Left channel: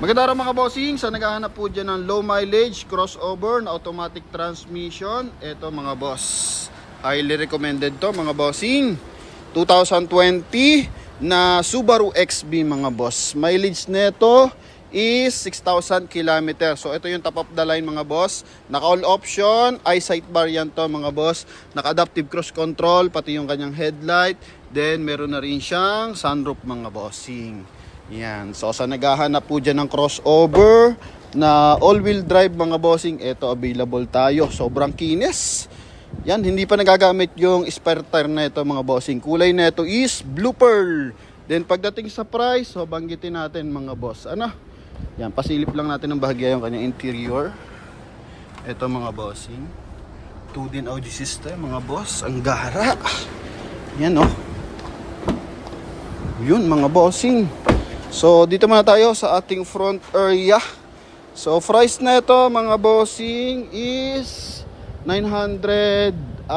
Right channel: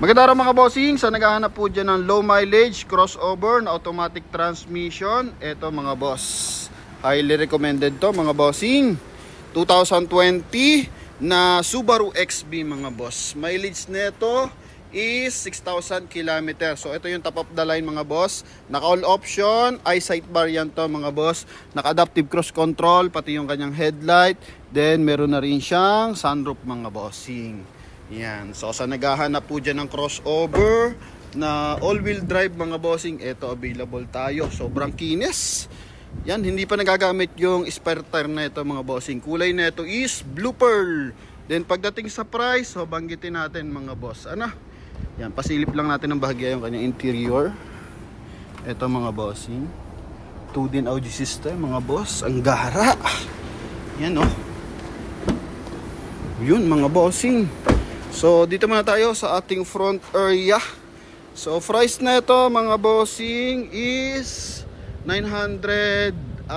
Magandang araw mga bossing. Sa naghahanap po dyan ng low mileage crossover na automatic transmission, ito mga boss, highly recommended to mga bossing. 2020 na Subaru XB mga boss. Mileage nito is 6,000 km. So ito yung top of the line mga boss. Naka all option, eyesight variant to mga boss. Naka adaptive cruise control, pati yung kanyang headlight. Then meron na rin siyang sunroof mga bossing. Yan. So sa naghahanap po dyan ng crossover na all-wheel drive mga bossing, ito available tayo. Sobrang kinis. Yan, hindi pa nagagamit yung spare tire na ito mga bossing. Kulay na ito is blue pearl. Then pagdating sa price, so banggitin natin mga boss. Ano? Yan, pasilip lang natin ng bahagya yung kanyang interior. Ito mga bossing. 2-din audio system mga boss. Ang gara. Yan oh. Yun mga bossing. So dito muna tayo sa ating front area. So price na ito mga bossing is 975,000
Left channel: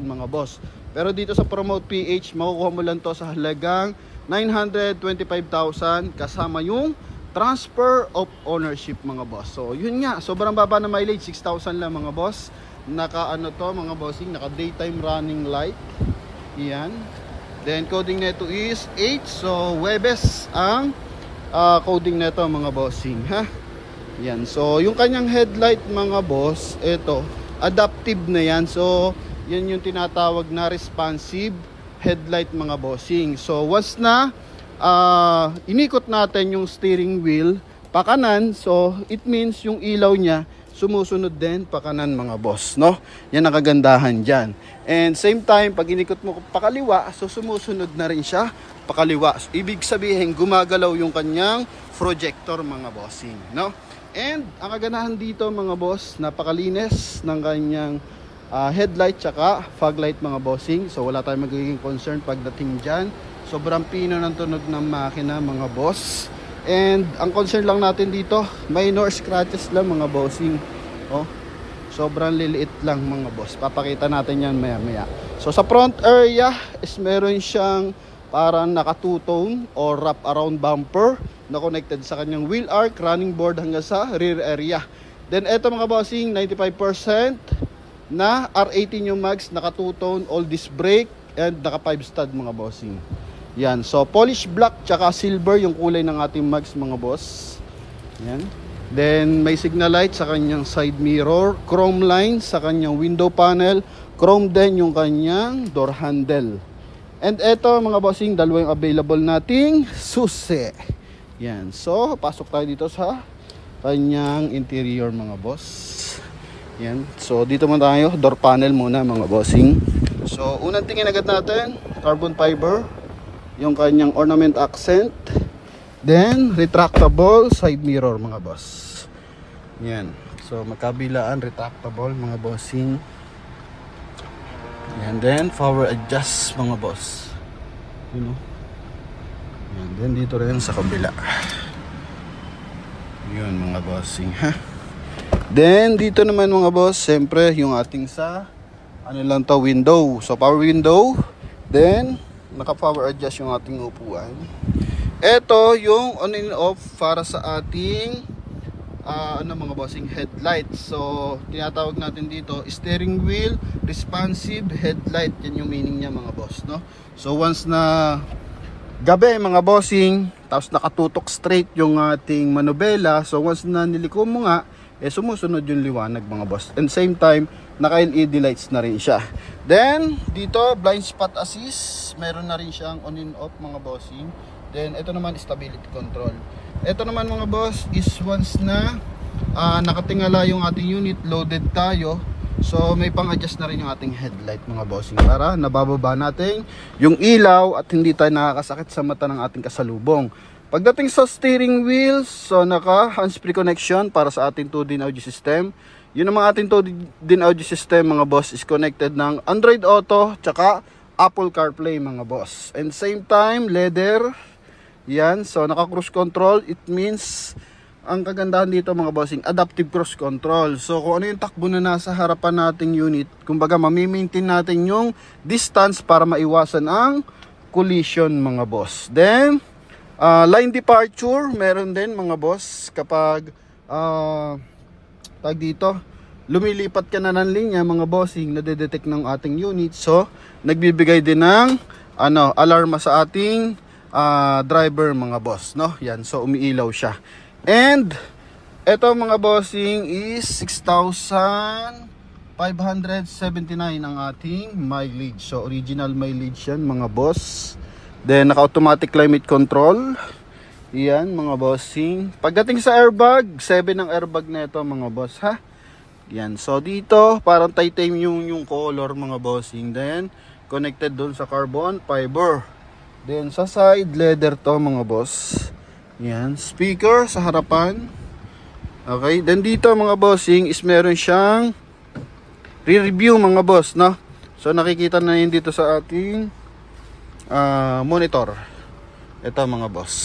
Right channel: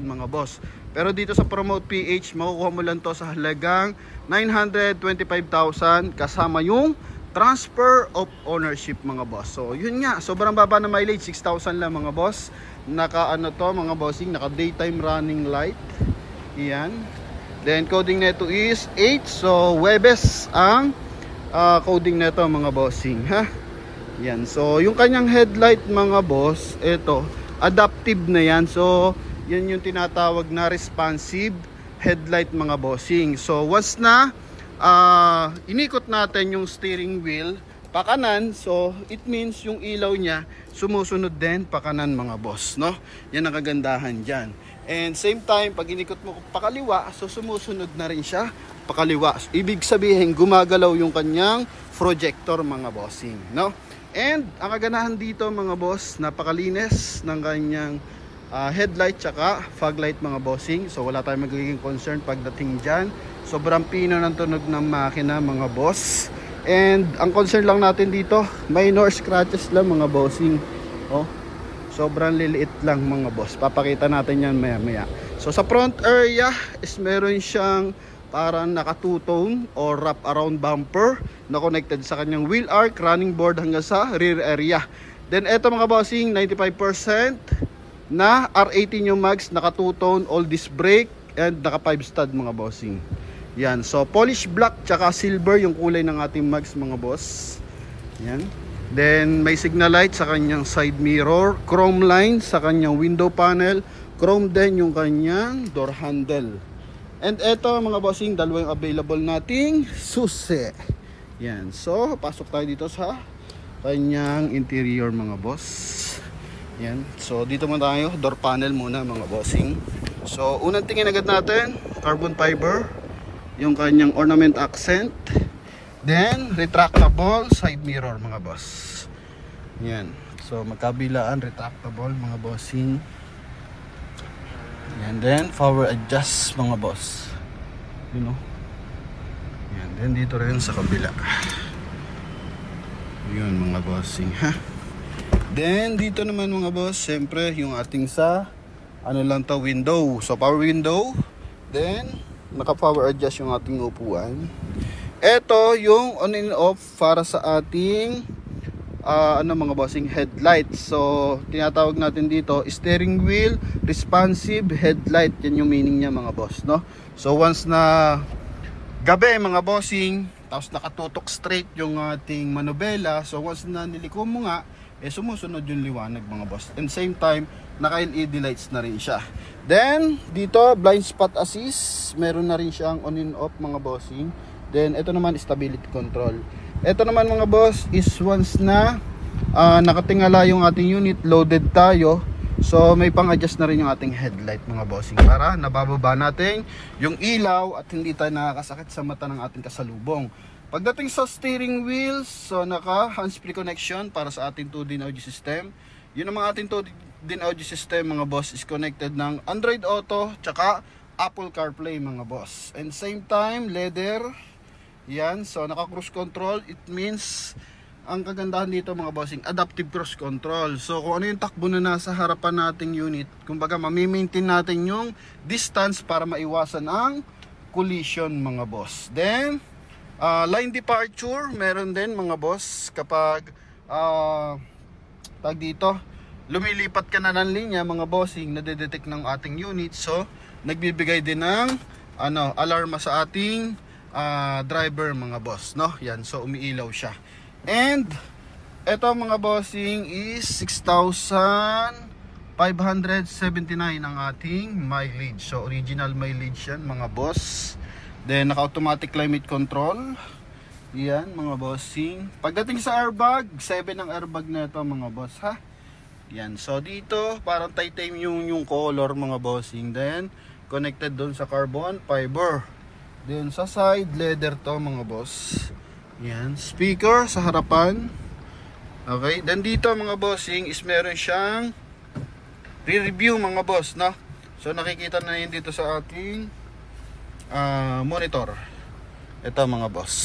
mga boss. Pero dito sa Promote PH makukuha mo lang to sa halagang 925,000 kasama yung transfer of ownership mga boss. So yun nga, sobrang baba na mileage, 6,000 lang mga boss. Naka ano to mga bossing, naka daytime running light. Yan. Then coding nito is 8. So Webes ang coding nito mga bossing, ha. Yan. So yung kanyang headlight mga boss, ito adaptive na yan. So yan yung tinatawag na responsive headlight mga bossing. So once na inikot natin yung steering wheel pakanan, so it means yung ilaw niya sumusunod din pakanan mga boss, no? Yan ang kagandahan dyan. And same time, pag inikot mo pakaliwa, so sumusunod na rin siya pakaliwa. Ibig sabihin, gumagalaw yung kanyang projector mga bossing, no? And ang kaganahan dito mga boss, napakalinis ng kanyang headlight tsaka fog light mga bossing. So wala tayong magiging concern pagdating dyan. Sobrang pino ng tunog ng makina mga boss. And ang concern lang natin dito, minor scratches lang mga bossing. Oh, sobrang liliit lang mga boss. Papakita natin yan maya maya. So sa front area is meron siyang parang naka two-tone or wrap around bumper na connected sa kanyang wheel arc, running board hanggang sa rear area. Then eto mga bossing, 95% na R18 yung mags, naka two-tone, all disc brake and naka 5 stud mga bossing. Yan, so polish black tsaka silver yung kulay ng ating mags mga boss. Yan. Then may signal light sa kanyang side mirror, chrome line sa kanyang window panel, chrome din yung kanyang door handle. And eto mga bossing, dalawa yung available nating susi. Yan, so pasok tayo dito sa kanyang interior mga boss. Yan, so dito muna tayo, door panel muna mga bossing. So unang tingin agad natin, carbon fiber yung kanyang ornament accent. Then retractable side mirror mga boss. Yan, so magkabilaan retractable mga bossing. And then power adjust mga boss, you know. Yan, then dito rin sa kabila. Yun mga bossing, ha. Then dito naman mga boss, siyempre yung ating sa ano lang to, window. So power window. Then naka power adjust yung ating upuan. Ito yung on and off para sa ating ano mga bossing, headlight. So tinatawag natin dito steering wheel responsive headlight. Yan yung meaning niya mga boss, no? So once na gabi mga bossing, tapos nakatutok straight yung ating manubela, so once na niliko mo nga, sumusunod yung liwanag mga boss. And same time, naka LED lights na rin siya. Then dito blind spot assist, meron na rin siyang on and off mga bossing. Then ito naman stability control. Ito naman mga boss is once na nakatingala yung ating unit, loaded tayo, so may pang-adjust na rin yung ating headlight mga bossing para nabababa natin yung ilaw at hindi tayo nakakasakit sa mata ng ating kasalubong. Pagdating sa steering wheels, so naka hands-free connection para sa ating 2-din audio system. Yun ang mga ating 2-din audio system mga boss is connected ng Android Auto tsaka Apple CarPlay mga boss. And same time leather. Yan, so naka cruise control. It means ang kagandahan dito mga bossing, adaptive cruise control. So kung ano yung takbo na nasa harapan nating unit, kumbaga mami-maintain natin yung distance para maiwasan ang collision mga boss. Then Line departure, meron din mga boss kapag tag dito, lumilipat ka na ng linya mga bossing, nade-detect ng ating unit. So, nagbibigay din ng alarma sa ating driver mga boss, no? Yan, so umiilaw siya. And eto mga bossing is 6,579 ang ating mileage. So, original mileage yan mga boss. Then, naka-automatic climate control. Yan, mga bossing. Pagdating sa airbag, 7 ang airbag na ito, mga boss, ha? Yan. So, dito, parang titanium yung color, mga bossing. Then, connected doon sa carbon fiber. Then, sa side, leather to, mga boss. Yan. Speaker sa harapan. Okay. Then, dito, mga bossing, is meron siyang re-review, mga boss, no? So, nakikita na yun dito sa ating monitor. Ito mga boss.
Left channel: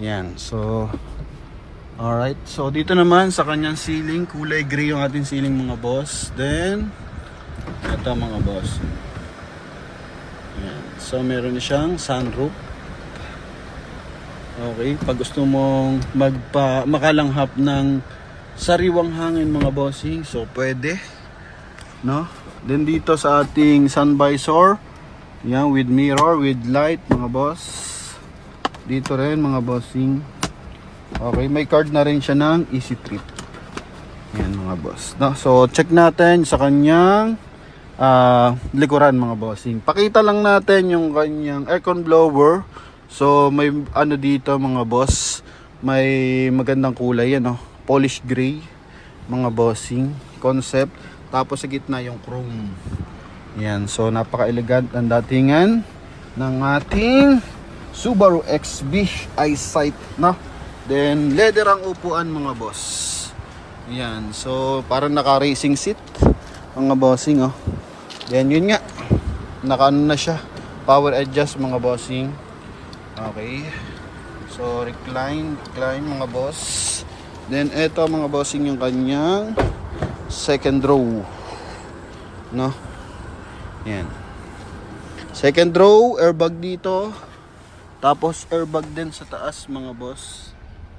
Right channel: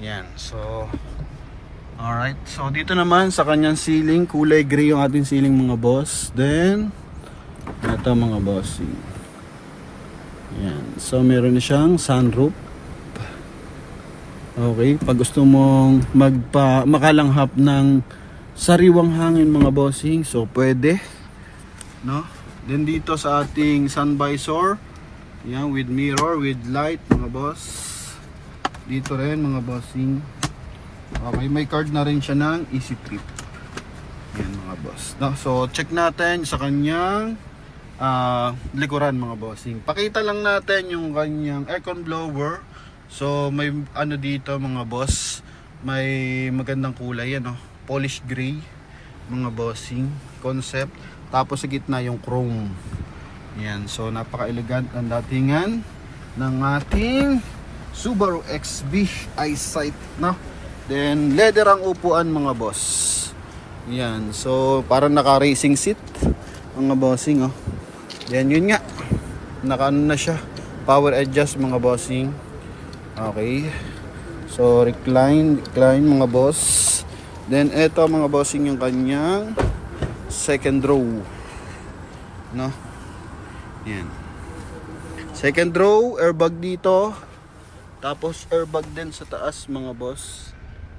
Yan. So, alright. So, dito naman sa kanyang ceiling, kulay gray yung ating ceiling mga boss. Then, ito mga boss. Yan. So, meron na siyang sunroof. Okay. Pag gusto mong makalanghap ng sariwang hangin mga bossing, so pwede. No? Then, dito sa ating sun visor, yan, with mirror, with light mga boss. Dito rin mga bossing. Okay, may card na rin siya ng Easy Trip. Yan mga boss, no? So check natin sa kanyang likuran mga bossing. Pakita lang natin yung kanyang aircon blower. So may dito mga boss, may magandang kulay yan, no? Polish gray mga bossing concept. Tapos sa gitna yung chrome. Yan, so napaka-elegant ang datingan ng ating Subaru XB EyeSight, no? Then leather ang upuan mga boss. Yan, so parang naka-racing seat mga bossing, oh. Yan, yun nga. Naka-ano na siya, power adjust mga bossing. Okay. So recline mga boss. Then eto mga bossing yung kanyang second row, no? Yan. Second row, airbag dito. Tapos airbag din sa taas mga boss.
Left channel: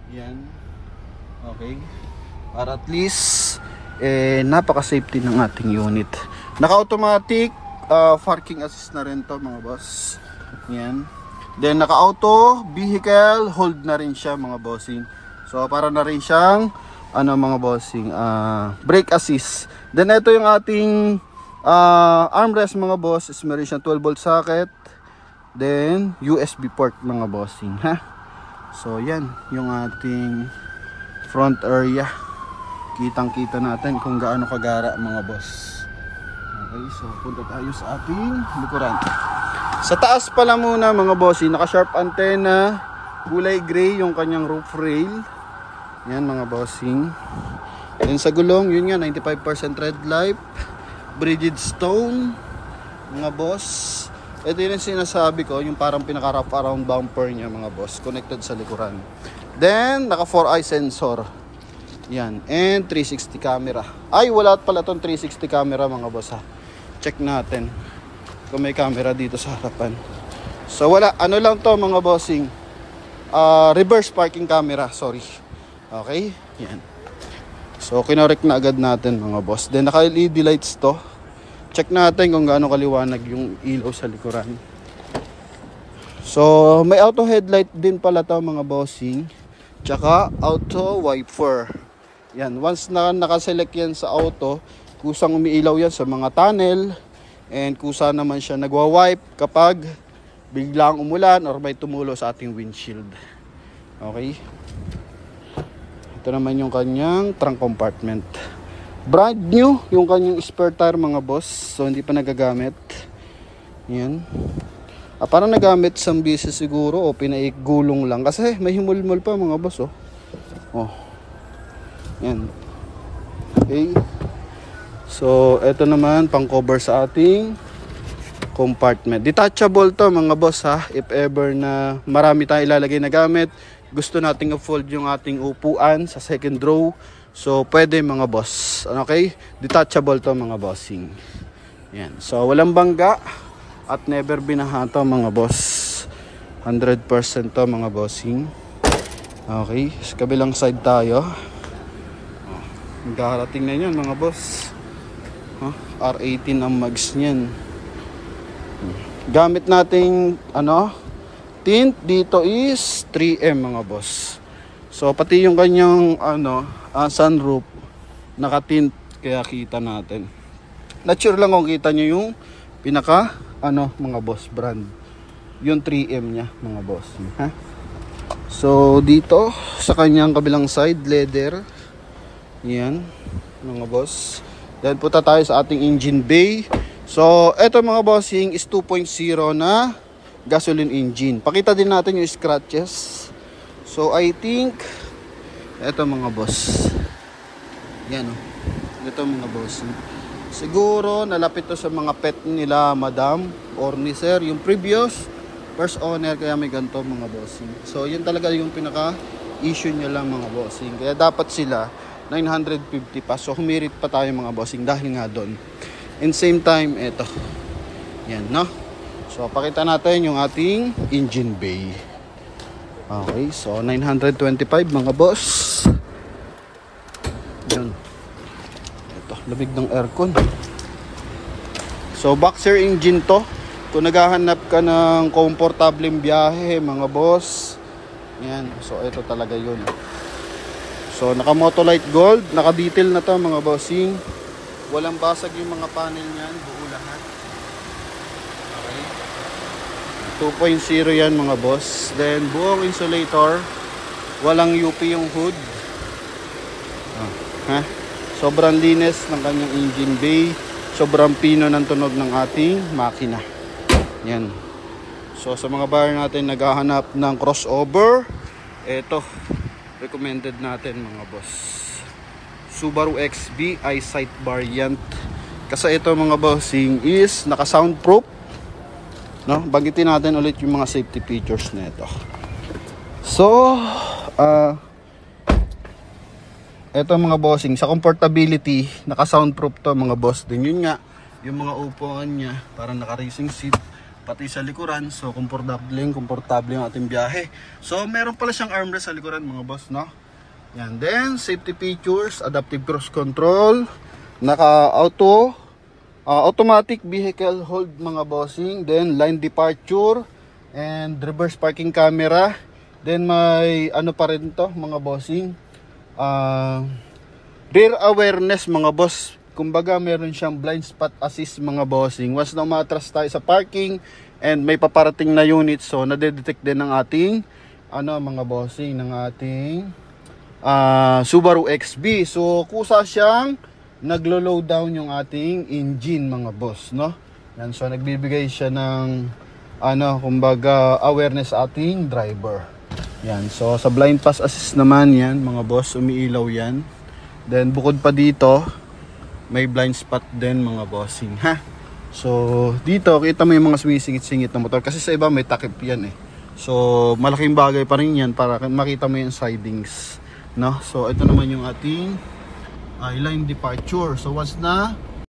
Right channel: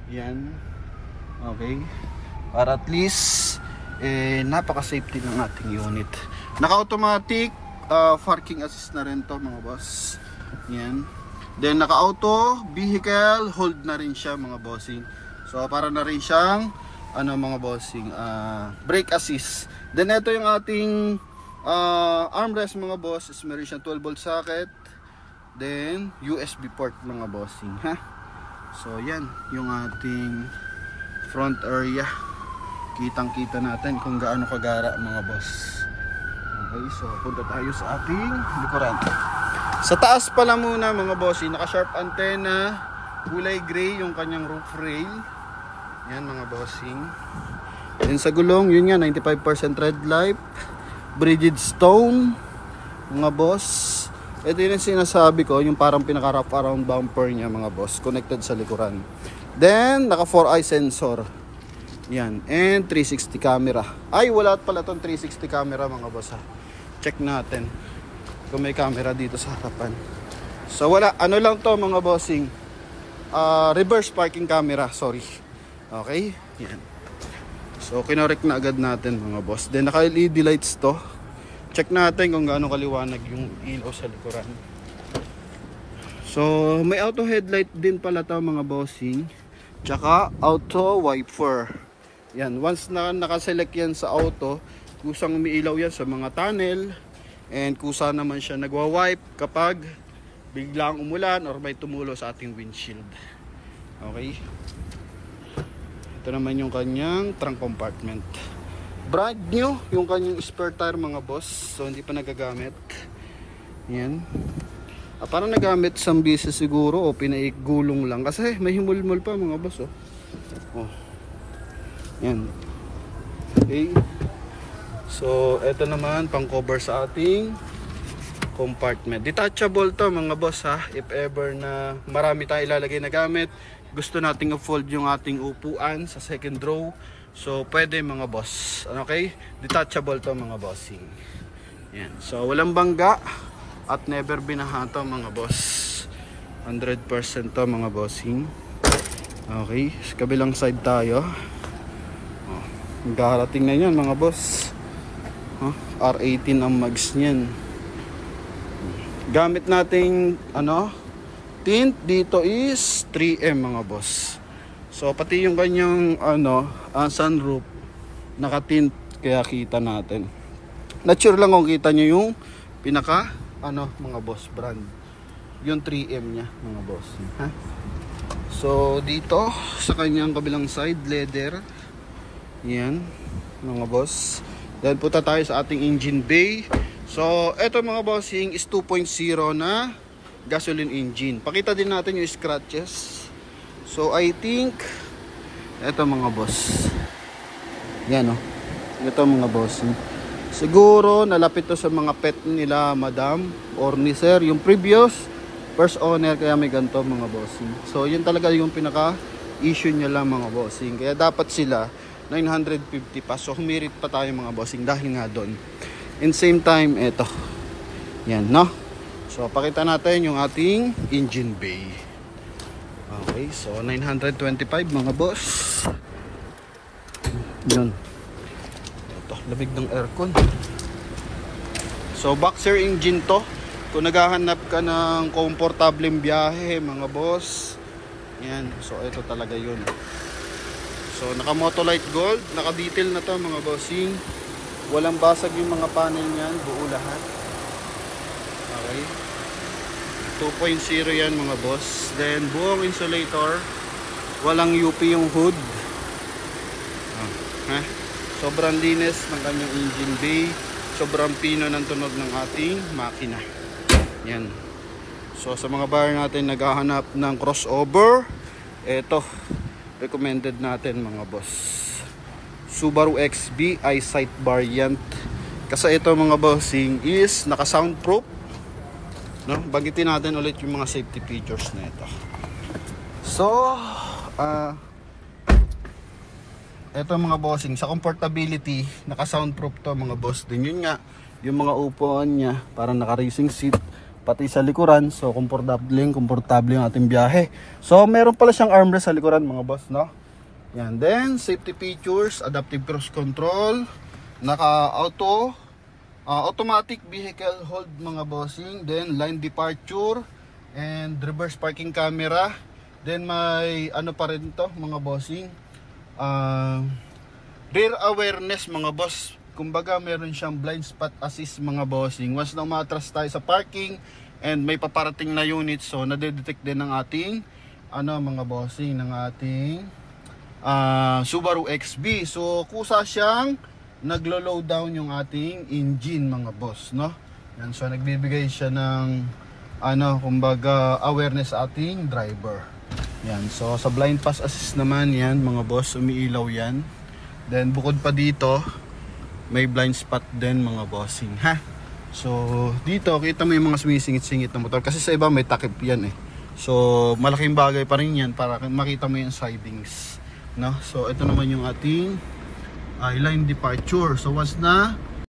Yan. Okay. Para at least napaka-safety ng ating unit. Naka-automatic parking assist na rin to mga boss. Yan. Then naka-auto vehicle hold na rin siya mga bossing. So para na rin siyang mga bossing brake assist. Then ito yung ating armrest mga boss, is meron siyang 12 volt socket, then USB port mga bossing, ha. So yan yung ating front area. Kitang kita natin kung gaano kagara mga boss. Okay, so punta tayo sa ating likuran. Sa taas pala muna mga bossing, naka sharp antenna, kulay gray yung kanyang roof rail. Yan mga bossing. Then sa gulong, yun nga, 95% red light, Bridgestone mga boss. Ito yung sinasabi ko, yung parang pinaka-wrap around bumper niya mga boss, connected sa likuran. Then naka 4-eye sensor. Yan, and 360 camera. Ay, wala pala tong 360 camera mga boss, ha. Check natin kung may camera dito sa harapan. So wala, ano lang to mga bossing, reverse parking camera, sorry. Okay, yan. So, kinorek na agad natin mga boss. Then, naka-LED lights to. Check natin kung gaano kaliwanag yung ilaw sa likuran. So, may auto headlight din pala to mga bossing. Tsaka, auto wiper. Yan, once na nakaselect yan sa auto, kusang umiilaw yan sa mga tunnel. And kusa naman siya nagwa-wipe kapag biglang umulan or may tumulo sa ating windshield. Okay. Ito naman yung kanyang trunk compartment. Brand new yung kanyang spare tire mga boss. So hindi pa nagagamit. Yan. Parang nagamit sa beses siguro o pinaigulong lang. Kasi may himulmul pa mga boss, oh. Oh. Yan. Okay. So ito naman pang cover sa ating compartment. Detachable to mga boss, ha. If ever na marami tayong ilalagay na gamit, gusto nating i-fold yung ating upuan sa second row, so pwede mga boss. Okay, detachable to mga bossing. Yan, so walang bangga at never binaha to mga boss. 100% to mga bossing. Okay, sa kabilang side tayo. Darating na yan mga boss. R18 ang mags niyan. Gamit nating tint dito is 3M mga boss. So pati yung kanyang sunroof naka-tint, kaya kita natin. Not sure lang kung kita nyo yung pinaka mga boss brand. Yung 3M niya mga boss. So dito sa kanyang kabilang side, leather. Yan mga boss. Then punta tayo sa ating engine bay. So eto mga bossing is 2.0 na gasoline engine. Pakita din natin yung scratches. So I think eto mga boss. Yan ito mga bossing. Siguro nalapit to sa mga pet nila madam or ni sir, yung previous first owner, kaya may ganito mga bossing. So yun talaga yung pinaka issue niya lang mga bossing. Kaya dapat sila 950 pa. So humirit pa tayo mga bossing dahil nga doon. And same time eto. Yan So pakita natin yung ating engine bay. Okay, so 925 mga boss. Yun. Ito, lamig ng aircon. So boxer engine to. Kung naghahanap ka ng komportableng biyahe mga boss, yan. So ito talaga yun. So naka Motolite Gold, naka detail na to mga bossing. Walang basag yung mga panel niyan, buo lahat. Okay. 2.0 yan mga boss. Then buong insulator, walang UP yung hood. Sobrang linis ng kanyang engine bay. Sobrang pino ng tunog ng ating makina. Yan. So sa mga buyer natin naghahanap ng crossover, eto recommended natin mga boss. Subaru XB EyeSight variant. Kasi ito mga bossing is naka soundproof. Banggitin natin ulit yung mga safety features na ito. So ito mga bossing, sa comfortability, naka soundproof to mga boss. Din yun nga, yung mga upuan niya parang naka racing seat, pati sa likuran. So komportable yung ating biyahe. So meron pala siyang armrest sa likuran mga boss, Yan. Then safety features, adaptive cruise control, naka automatic vehicle hold mga bossing, then line departure and reverse parking camera. Then may pa rin to mga bossing, rear awareness mga boss. Kumbaga meron siyang blind spot assist mga bossing. Once na umatras tayo sa parking and may paparating na unit, so nade-detect din ng ating mga bossing ng ating Subaru XB. So kusa siyang naglo-low down yung ating engine mga boss, Yan, so nagbibigay siya ng kumbaga awareness sa ating driver. Yan, so sa blind pass assist naman yan mga boss, umiilaw yan. Then bukod pa dito, may blind spot din mga bossing, So dito kita mo yung mga sumisingit-singit na motor, kasi sa iba may takip yan So malaking bagay pa rin yan para makita mo yung sidings, So ito naman yung ating line departure. So once na